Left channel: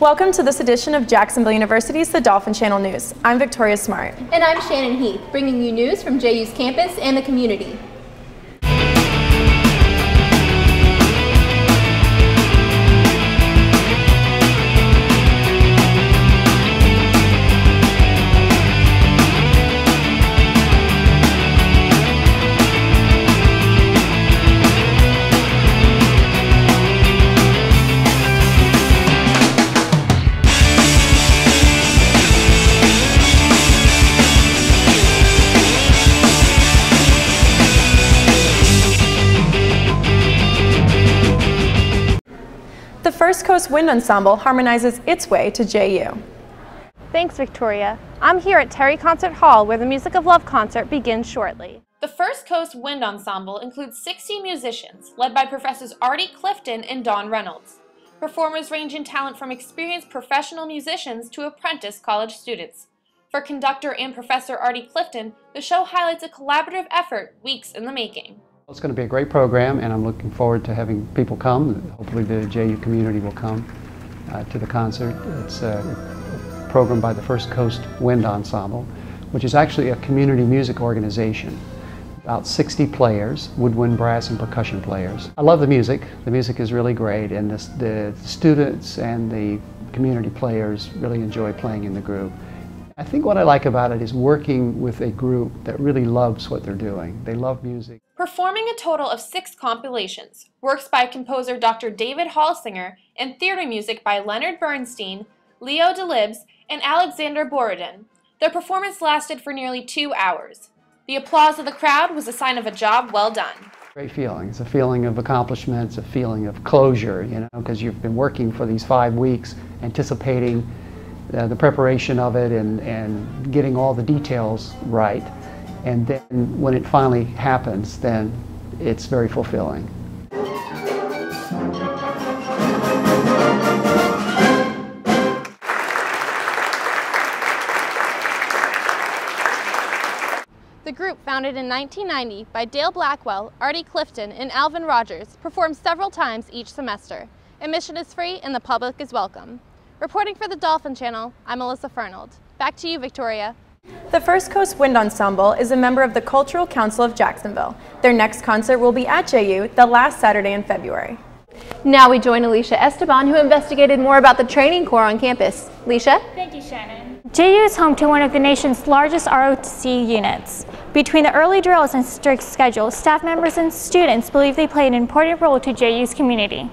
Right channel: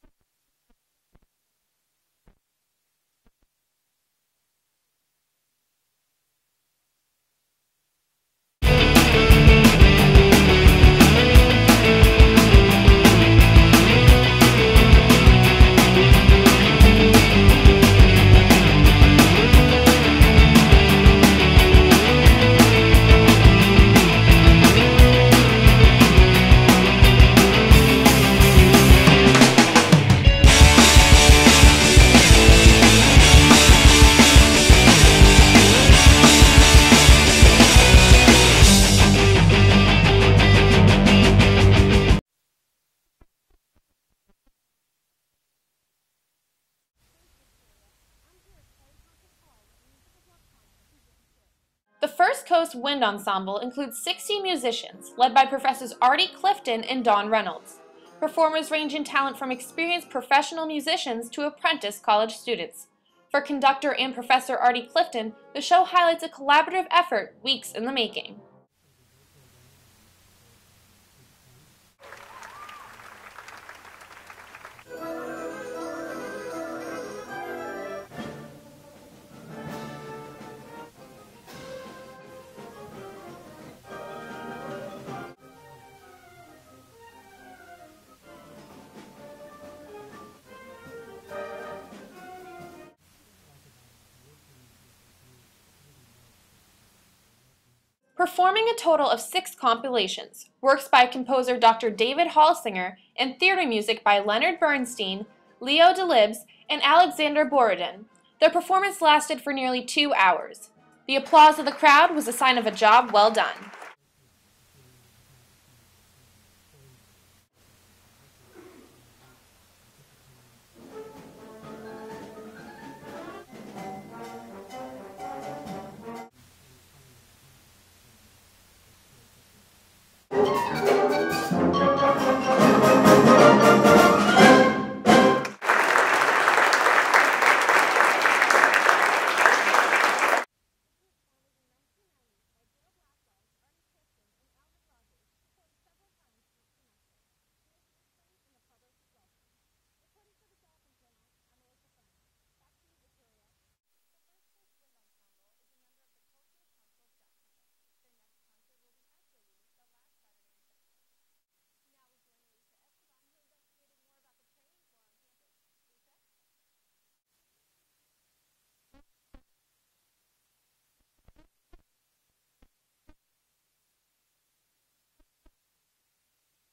Welcome to this edition of Jacksonville University's The Dolphin Channel News. I'm Victoria Smart. And I'm Shannon Heath, bringing you news from JU's campus and the community. The First Coast Wind Ensemble harmonizes its way to JU. Thanks, Victoria. I'm here at Terry Concert Hall where the Music of Love concert begins shortly. The First Coast Wind Ensemble includes 60 musicians, led by Professors Artie Clifton and Dawn Reynolds. Performers range in talent from experienced professional musicians to apprentice college students. For conductor and Professor Artie Clifton, the show highlights a collaborative effort weeks in the making. It's going to be a great program, and I'm looking forward to having people come. Hopefully the JU community will come to the concert. It's a program by the First Coast Wind Ensemble, which is actually a community music organization. About 60 players, woodwind, brass, and percussion players. I love the music. The music is really great, and the students and the community players really enjoy playing in the group. I think what I like about it is working with a group that really loves what they're doing. They love music. Performing a total of 6 compilations, works by composer Dr. David Halsinger, and theater music by Leonard Bernstein, Leo Delibes, and Alexander Borodin. Their performance lasted for nearly 2 hours. The applause of the crowd was a sign of a job well done. Great feeling. It's a feeling of accomplishment. It's a feeling of closure, you know, because you've been working for these 5 weeks, anticipating the preparation of it and getting all the details right. And then when it finally happens, then it's very fulfilling. The group, founded in 1990 by Dale Blackwell, Artie Clifton, and Alvin Rogers, performs several times each semester. Admission is free and the public is welcome. Reporting for the Dolphin Channel, I'm Melissa Fernald. Back to you, Victoria. The First Coast Wind Ensemble is a member of the Cultural Council of Jacksonville. Their next concert will be at JU the last Saturday in February. Now we join Alicia Esteban, who investigated more about the training corps on campus. Alicia? Thank you, Shannon. JU is home to one of the nation's largest ROTC units. Between the early drills and strict schedule, staff members and students believe they play an important role to JU's community.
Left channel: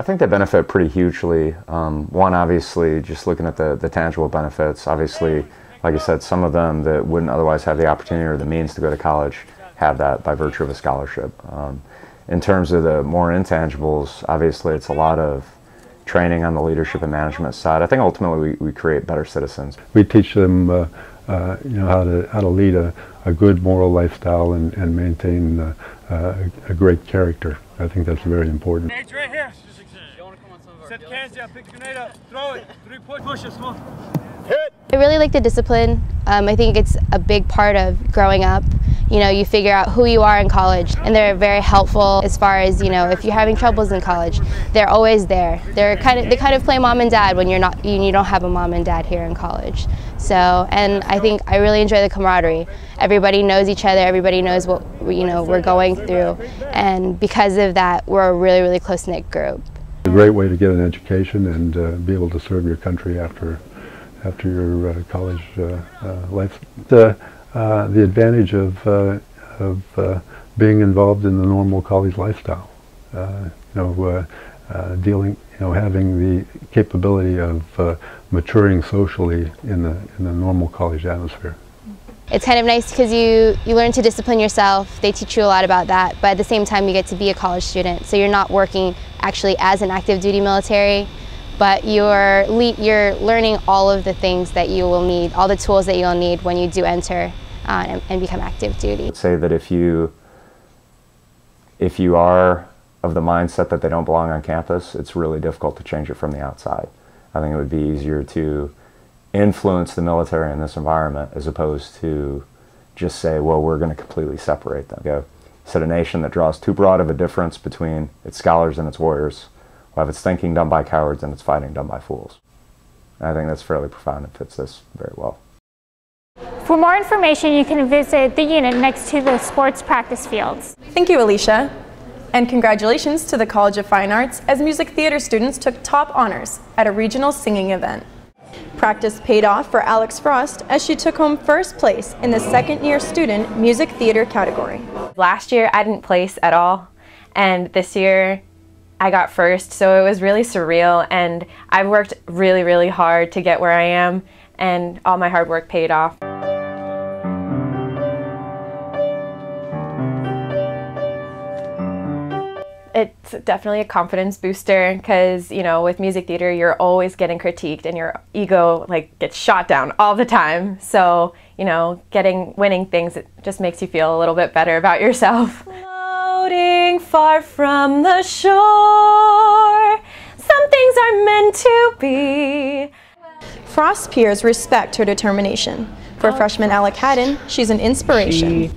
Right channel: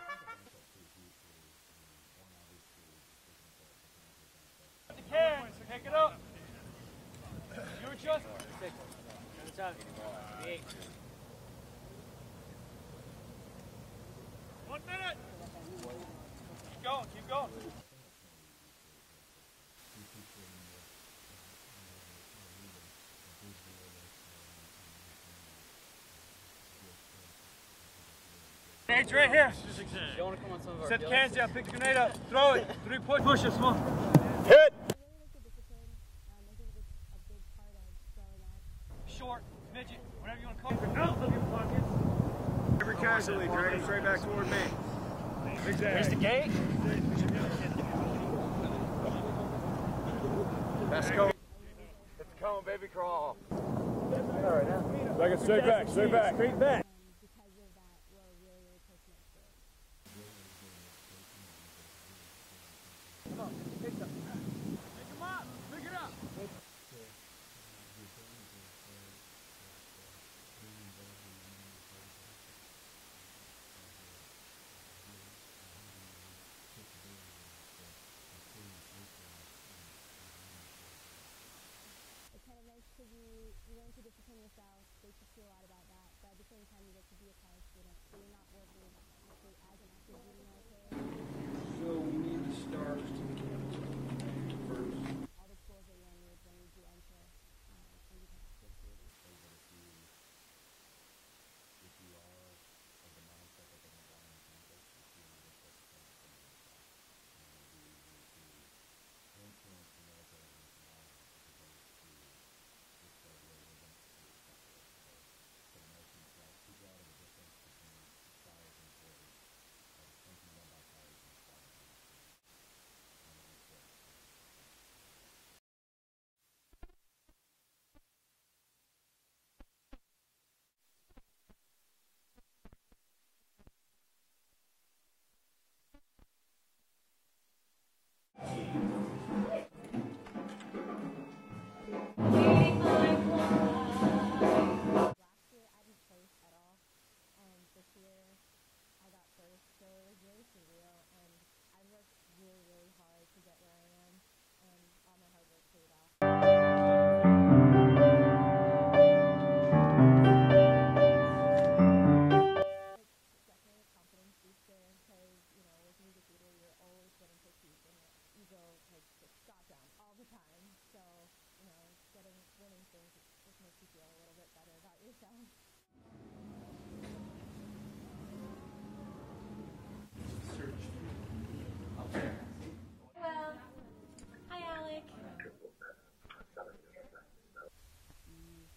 I think they benefit pretty hugely. One, obviously, just looking at the tangible benefits. Obviously, like I said, some of them that wouldn't otherwise have the opportunity or the means to go to college have that by virtue of a scholarship. In terms of the more intangibles, obviously, it's a lot of training on the leadership and management side. I think ultimately we create better citizens. We teach them, you know, how to lead a good moral lifestyle and maintain a great character. I think that's very important. Nate's right here. Set the cans down, pick the grenade up, throw it, 3 push it, small. Hit! I really like the discipline. I think it's a big part of growing up. You know, you figure out who you are in college, and they're very helpful as far as, you know, if you're having troubles in college, they're always there. They kind of play mom and dad when you don't have a mom and dad here in college. So, and I think I really enjoy the camaraderie. Everybody knows each other. Everybody knows what we're going through, and because of that, we're a really, really close-knit group. It's a great way to get an education and be able to serve your country after your college life. The advantage of being involved in the normal college lifestyle, having the capability of maturing socially in the normal college atmosphere. It's kind of nice because you learn to discipline yourself. They teach you a lot about that, but at the same time you get to be a college student, so you're not working actually as an active duty military, but you're learning all of the things that you will need, all the tools that you'll need when you do enter and become active duty. I'd say that if you are of the mindset that they don't belong on campus, it's really difficult to change it from the outside. I think it would be easier to influence the military in this environment, as opposed to just say, well, we're going to completely separate them. Go set a nation that draws too broad of a difference between its scholars and its warriors, will have its thinking done by cowards and its fighting done by fools. And I think that's fairly profound and fits this very well. For more information, you can visit the unit next to the sports practice fields. Thank you, Alicia. And congratulations to the College of Fine Arts as music theater students took top honors at a regional singing event. Practice paid off for Alex Frost as she took home first place in the second-year student music theater category. Last year I didn't place at all, and this year I got first, so it was really surreal, and I've worked really, really hard to get where I am, and all my hard work paid off. It's definitely a confidence booster because, you know, with music theater, you're always getting critiqued and your ego gets shot down all the time. So, you know, winning things, it just makes you feel a little bit better about yourself. Floating far from the shore, some things are meant to be. Frost's peers respect her determination. For freshman Alec Haddon, she's an inspiration. She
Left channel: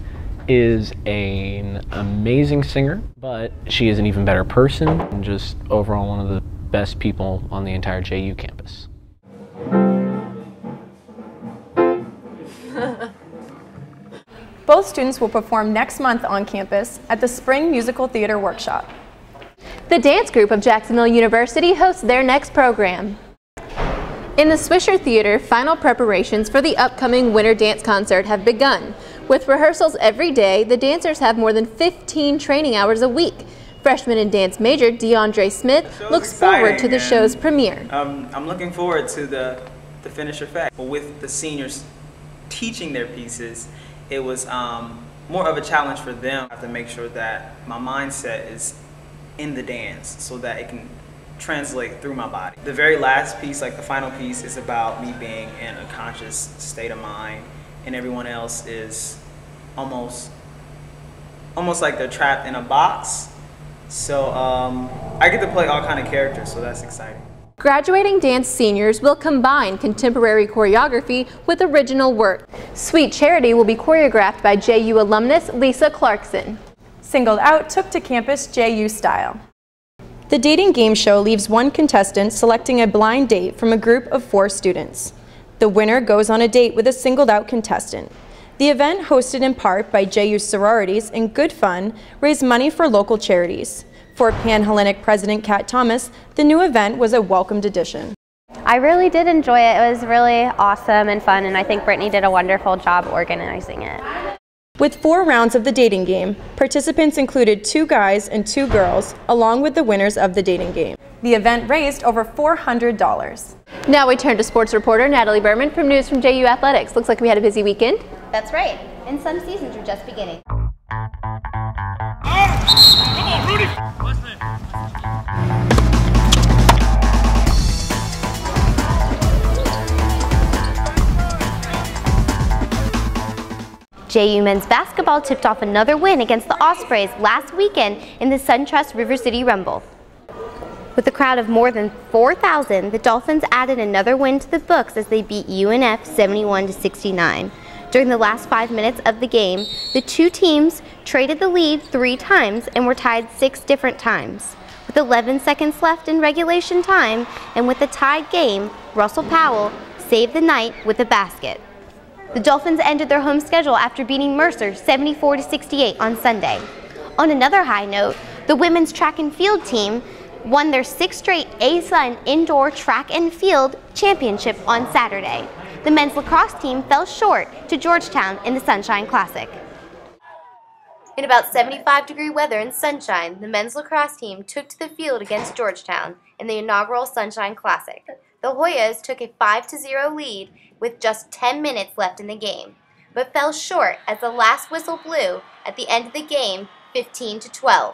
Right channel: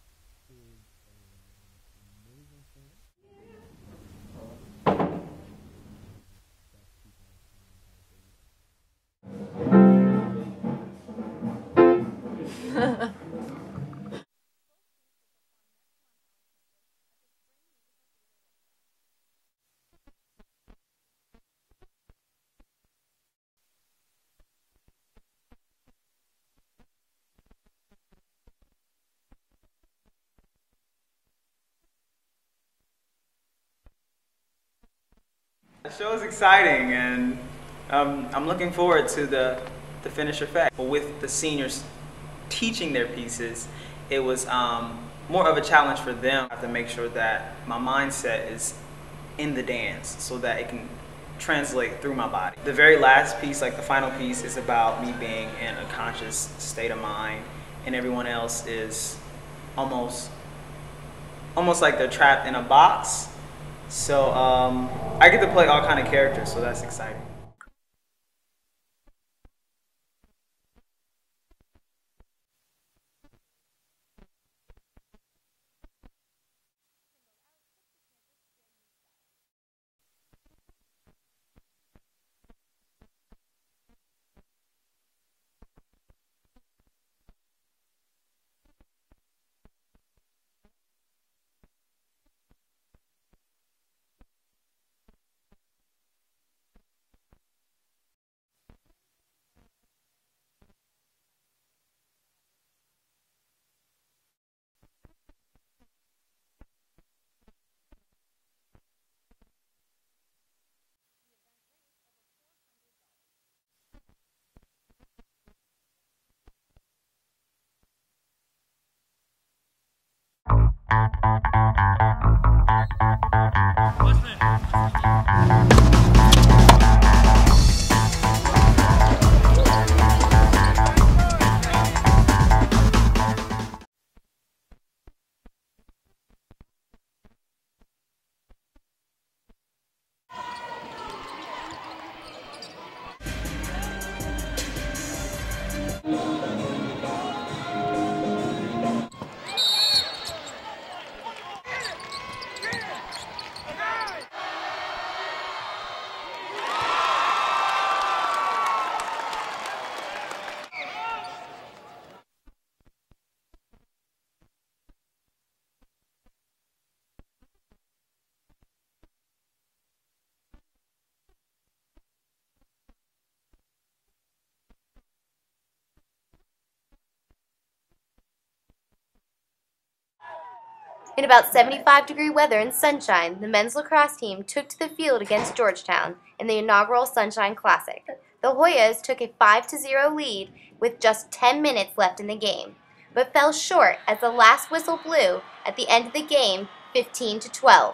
is an amazing singer, but she is an even better person and just overall one of the best people on the entire JU campus. Both students will perform next month on campus at the Spring Musical Theater Workshop. The dance group of Jacksonville University hosts their next program. In the Swisher Theater, final preparations for the upcoming Winter Dance Concert have begun. With rehearsals every day, the dancers have more than 15 training hours a week. Freshman and dance major DeAndre Smith looks forward to the show's premiere. I'm looking forward to the finished effect. With the seniors teaching their pieces, it was more of a challenge for them. I have to make sure that my mindset is in the dance so that it can translate through my body. The very last piece, like the final piece, is about me being in a conscious state of mind, and everyone else is almost like they're trapped in a box. So I get to play all kind of characters, so that's exciting. Graduating dance seniors will combine contemporary choreography with original work. Sweet Charity will be choreographed by JU alumnus Lisa Clarkson. Singled Out took to campus JU style. The dating game show leaves one contestant selecting a blind date from a group of 4 students. The winner goes on a date with a singled out contestant. The event, hosted in part by JU sororities and good fun, raised money for local charities. For Pan-Hellenic President Kat Thomas, the new event was a welcomed addition. I really did enjoy it. It was really awesome and fun, and I think Brittany did a wonderful job organizing it. With 4 rounds of the dating game, participants included 2 guys and 2 girls, along with the winners of the dating game. The event raised over $400. Now we turn to sports reporter Natalie Berman from News from JU Athletics. Looks like we had a busy weekend. That's right, and some seasons are just beginning. JU men's basketball tipped off another win against the Ospreys last weekend in the SunTrust River City Rumble. With a crowd of more than 4,000, the Dolphins added another win to the books as they beat UNF 71-69. During the last 5 minutes of the game, the 2 teams traded the lead 3 times and were tied 6 different times. With 11 seconds left in regulation time and with a tied game, Russell Powell saved the night with a basket. The Dolphins ended their home schedule after beating Mercer 74-68 on Sunday. On another high note, the women's track and field team won their 6th straight ASUN Indoor Track and Field Championship on Saturday. The men's lacrosse team fell short to Georgetown in the Sunshine Classic. In about 75-degree weather and sunshine, the men's lacrosse team took to the field against Georgetown in the inaugural Sunshine Classic. The Hoyas took a 5-0 lead with just 10 minutes left in the game, but fell short as the last whistle blew at the end of the game, 15-12.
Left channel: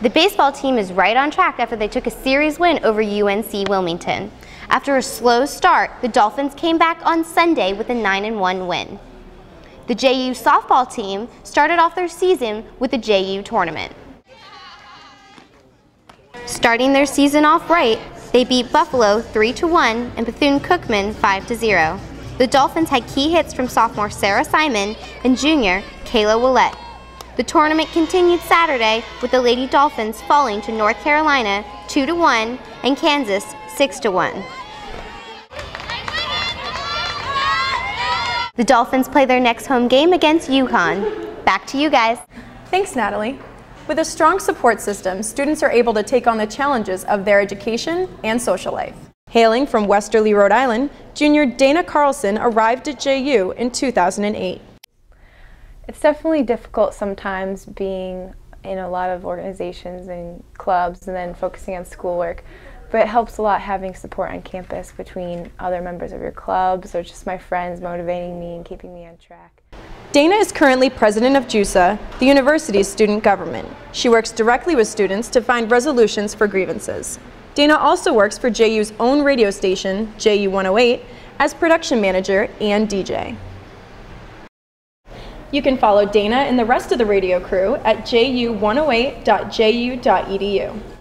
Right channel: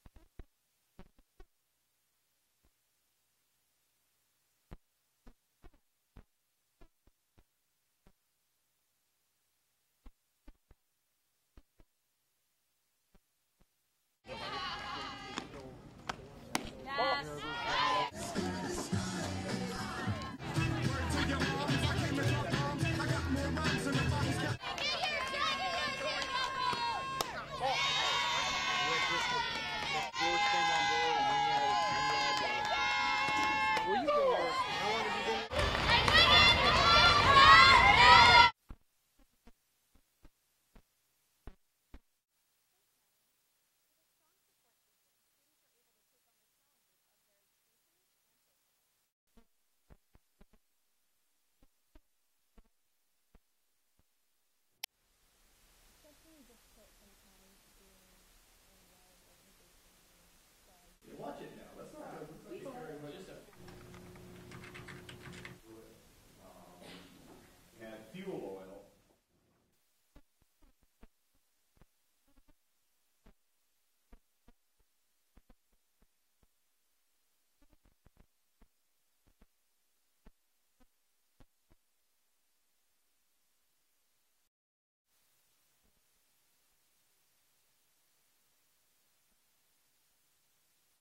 The baseball team is right on track after they took a series win over UNC Wilmington. After a slow start, the Dolphins came back on Sunday with a 9-1 win. The JU softball team started off their season with the JU tournament. Starting their season off right, they beat Buffalo 3-1 and Bethune-Cookman 5-0. The Dolphins had key hits from sophomore Sarah Simon and junior Kayla Willette. The tournament continued Saturday with the Lady Dolphins falling to North Carolina 2-1 and Kansas 6-1. The Dolphins play their next home game against UConn. Back to you guys. Thanks, Natalie. With a strong support system, students are able to take on the challenges of their education and social life. Hailing from Westerly, Rhode Island, junior Dana Carlson arrived at JU in 2008. It's definitely difficult sometimes being in a lot of organizations and clubs and then focusing on schoolwork, but it helps a lot having support on campus between other members of your clubs or just my friends motivating me and keeping me on track. Dana is currently president of JUSA, the university's student government. She works directly with students to find resolutions for grievances. Dana also works for JU's own radio station, JU 108, as production manager and DJ. You can follow Dana and the rest of the radio crew at ju108.ju.edu.